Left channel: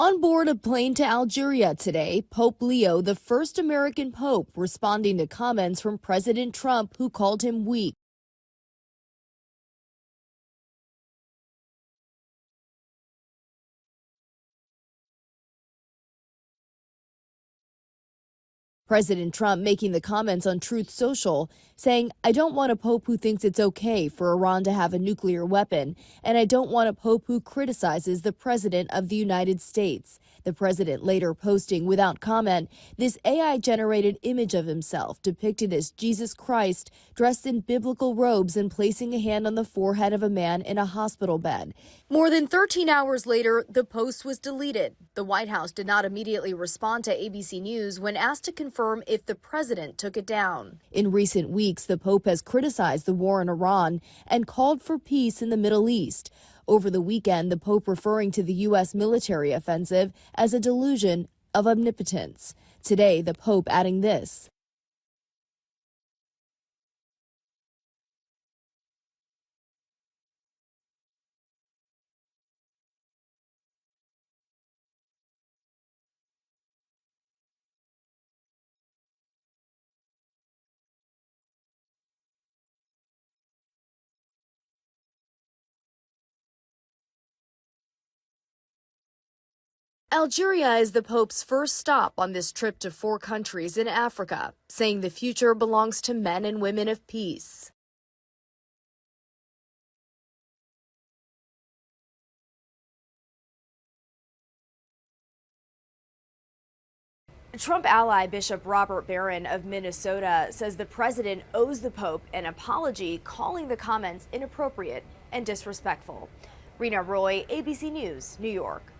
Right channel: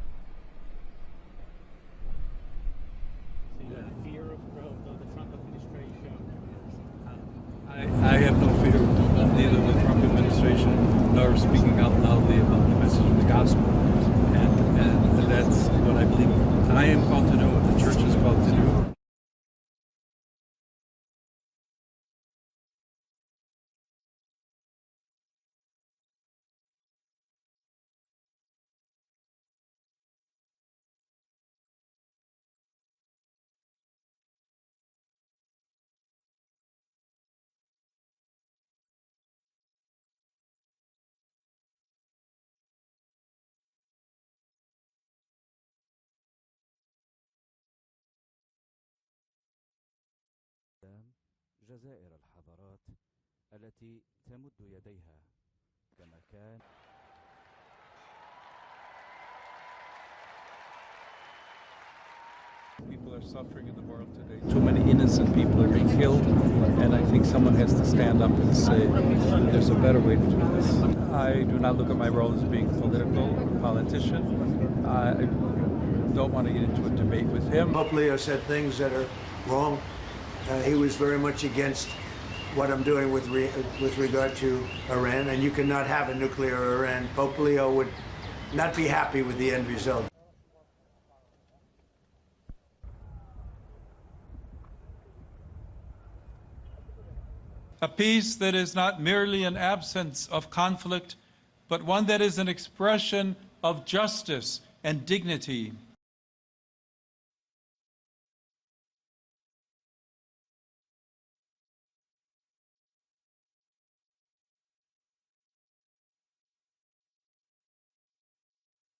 On board a plane to Algeria today, Pope Leo, the first American pope, responding to comments from President Trump, who called him weak. I have no fear of neither the Trump administration nor speaking out loudly about the message of the gospel. And that's what I believe I am called to do, what the church is called to do. President Trump making the comments on Truth Social, saying, "I don't want a pope who thinks it's okay for Iran to have a nuclear weapon, and I don't want a pope who criticizes the president of the United States." The president later posting without comment this AI-generated image of himself depicted as Jesus Christ dressed in biblical robes and placing a hand on the forehead of a man in a hospital bed. More than 13 hours later, the post was deleted. The White House did not immediately respond to ABC News when asked to confirm if the president took it down. In recent weeks, the Pope has criticized the war in Iran and called for peace in the Middle East. Over the weekend, the Pope referring to the U.S. military offensive as a delusion of omnipotence. Today, the Pope adding this. Too many innocent people are being killed, and I think someone has to stand up and say there's a better way to do this. I do not look at my role as being political or politician. I don't want to get into a debate with him. Pope Leo said things that are wrong. He was very much against what I'm doing with regard to Iran, and you cannot have a nuclear Iran. Pope Leo would not be happy with the end result. Algeria is the Pope's first stop on this trip to 4 countries in Africa, saying the future belongs to men and women of peace. A peace that is not merely an absence of conflict, but one that is an expression of justice and dignity. Trump ally Bishop Robert Barron of Minnesota says the president owes the Pope an apology, calling the comments inappropriate and disrespectful. Rena Roy, ABC News, New York.